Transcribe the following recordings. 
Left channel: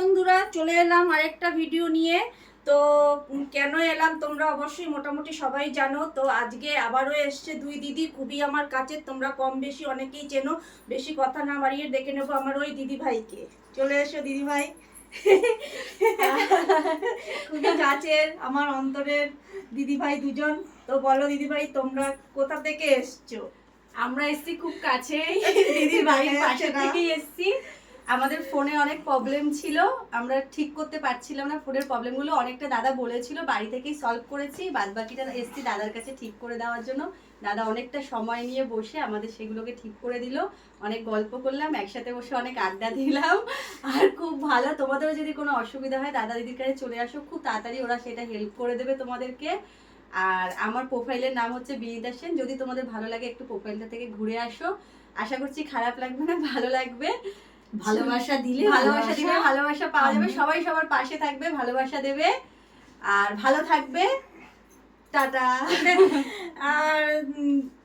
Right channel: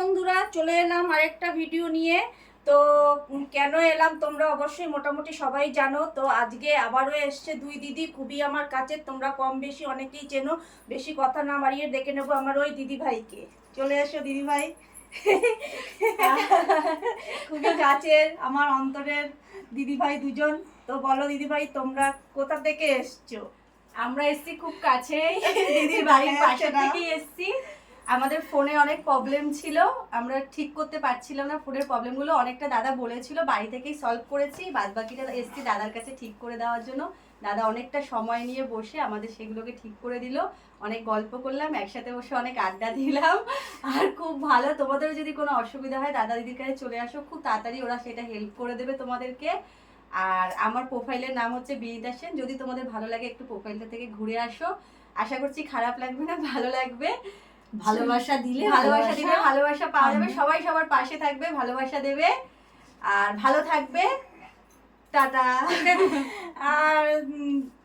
বন্ধুরা চলে এলাম আরেকটা ভিডিও নিয়ে। তো কেন এলাম তোমরা অবশ্যই মোটামুটি সবাই জানো। তো আজকে আবারও এসছে দুই দিদি। খুবই আমার কাছে তোমরা কম বেশি অনেকেই চেনো। বেশি কথা না বাড়িয়ে দেখে নেব আমার ওই দিদি ভাইকে। চলে এসো দিদি ভাই। খুবই কাছের আমার অন্তরের দিদি ভাই দুজন। তো বলো দিদি ভাই তোমরা কোথা থেকে এসছো? আমরা এসছি খুব কাছেই। দিদির বাড়ির দেখা পাশে থেকেই এসছি। আমাদের ফোনে অনেক প্রবলেম ছিল। আমরা ঠিক করতে পারছিলাম না ফোনের প্রবলেমগুলো অনেকটা দাদা বলেছিল, বাড়ি থেকেই সলভ করেছি। বাদ বাকিটা এসছি দাদার কাছে ঠিক করে দেওয়ার জন্য। দাদা অনেকটা সময় নিয়ে বসে আমাদের সেগুলোকে ঠিক করে দিল। অনেক গল্প করলাম, একসাথে বসে অনেক আড্ডা দিলাম। আর খুব ভালো, তোমাদেরও যদি কোনো অসুবিধা হয়, দাদা দিদির কাছে চলে আসো। খুব তাড়াতাড়ি ওরা সেটা হেল্প করে দেবে তোমাদেরকে। আর আমার প্রোফাইলের নাম হচ্ছে বিনিতা সেন। যদি তোমাদের ভালো লাগে একটু প্রোফাইলটা থেকে ঘুরে আসো। আশা করছি খারাপ লাগবে না, ভালো লাগবে। ভালোবাসা দিলে ভালোবাসা দিবে ভালোবাসা পাওয়া যাবে। সবাই সবার পাশে থাকবে ভালোবাসা দেবে। আর ভালো থাকবে। টাটা। আর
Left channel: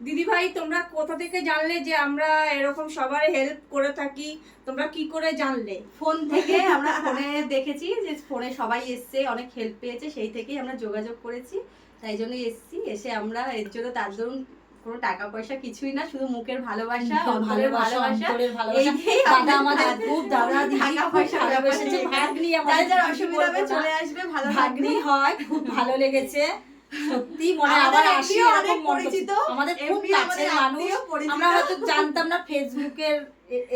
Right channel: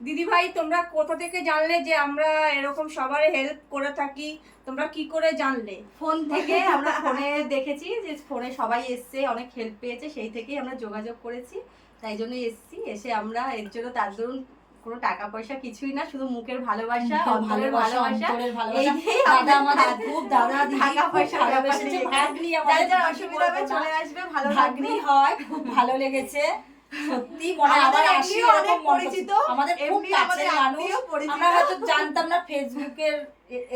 দিদি ভাই তোমরা কোথা থেকে জানলে যে আমরা এরকম সবার হেল্প করে থাকি? তোমরা কি করে জানলে? ফোন থেকে আমরা ফোনে দেখেছি যে ফোনে সবাই এসছে অনেক হেল্প পেয়েছে। সেই থেকেই আমরা যোগাযোগ করেছি। তাই জন্য এসছি। এসে আমরা এর জন্য তার দরুন কোনো টাকা পয়সা কিছুই না শুধু মুখের ভালোবাসা অন্তরের ভালোবাসা এই দাদা আমাদের খুব দাদা টাকা পয়সা ভালোবেসেছে। ভাগ্নি আমাদের যার অসুবিধা হবে চলে আসবে ভালো ভাগ্নি হয় খুব ভালো লেগেছে। সত্যি মনে আবার আসি এরকম পরিচিত, আমাদের খুব কাছের মানুষ। আমরা হয়তো জানতাম না ফেসবুকের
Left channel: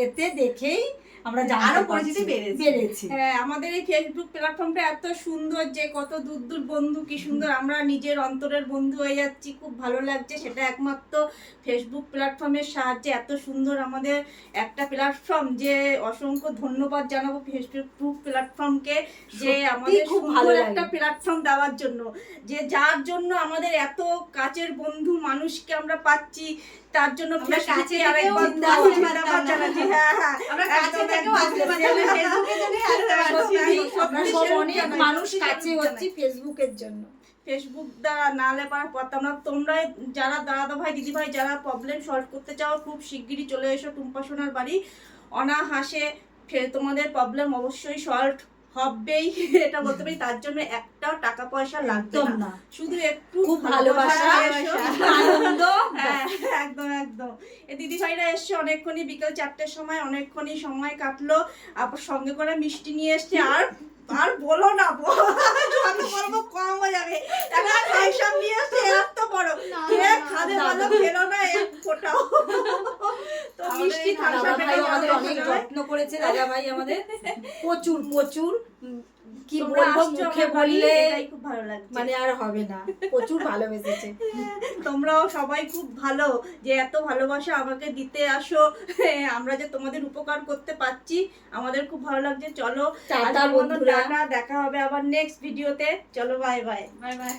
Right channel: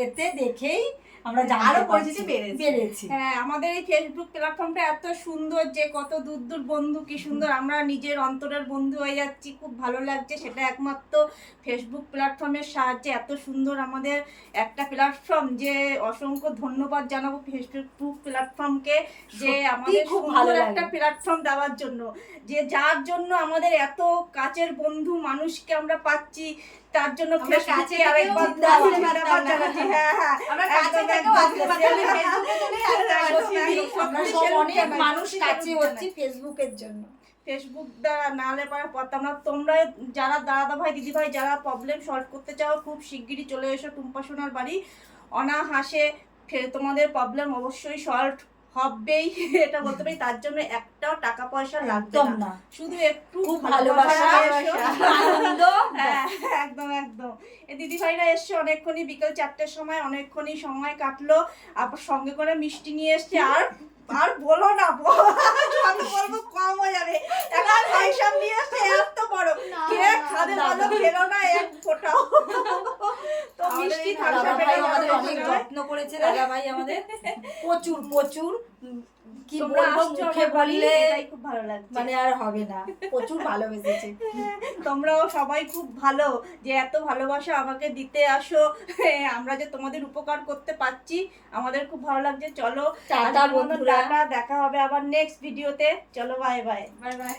এতে দেখেই আমরা জানতে আরও। পরিচিতি বেড়েছে। হ্যাঁ আমাদের এই ফেসবুক প্ল্যাটফর্মটা এত সুন্দর যে কত দূর দূর বন্ধু কি সুন্দর আমরা নিজের অন্তরের বন্ধু হয়ে যাচ্ছি খুব ভালো লাগছে। সেটা একমাত্র ফেসবুক প্ল্যাটফর্মের সাহায্যে এত সুন্দর আমাদের একটা প্ল্যাটফর্ম যে অসংখ্য ধন্যবাদ জানাব ফেসবুক প্ল্যাটফর্মকে যে আমাদের খুব ভালো একটা প্ল্যাটফর্ম দেওয়ার জন্য। যে যার জন্য আমাদের এত কাছের বন্ধু মানুষকে আমরা পাচ্ছি তার জন্য কাছে মানুষ কাছে ফেসবুকের জন্য। ফেসবুক দ্বারা না লেপার পারতাম না তোমরা যারা দাদা ভাই দিদি ভাই যারা প্রবলেম সলভ করতে চাও খুব শিগগিরই চলে এসো টুম্পা সোনার বাড়ি। অনাহাসে তোমাদের প্রবলেম অবশ্যই সলভ হবেই এটা বলতে পারি তার জন্য একটাও টাকা পয়সা লাগবে একদম না। শুধু একটু ভালোবাসা আনন্দ। হ্যাঁ, একদম একদম। দিদি ভাইরা এসছে অনেকক্ষণই বিকেল চারটের সময় অনেকক্ষণই সময় কাটলো। আবার সঙ্গে করে মিষ্টি নিয়ে এসছে। আর আর বলো না বলো বলব কম হয়ে যাবে। একটা পয়সা নিয়ে এসছে এত বড়। কে খাবে ভালো খেলো না এক ফোটাও। তো মিষ্টি আমাদের অনেক যত্ন করেছে দাদা ভাই আমাদের। প্রচুর প্রচুর। কি বলব মুখে বললে খুব ভালো লাগছে। মানে আর হবে না। প্রচুর ভালোবেসেছে। তোমরাও সবাই খুব ভালো যে এত ভালোবাসা আমাকে দিতে আসো। আমরা যে তোমাদের উপকার করতে পারছি আমাদের খুব ভালো লাগছে। চলো টাটা বন্ধুরা। দেখা হবে আবার নেক্সট ভিডিওতে চলো বাই বাই বাই বাই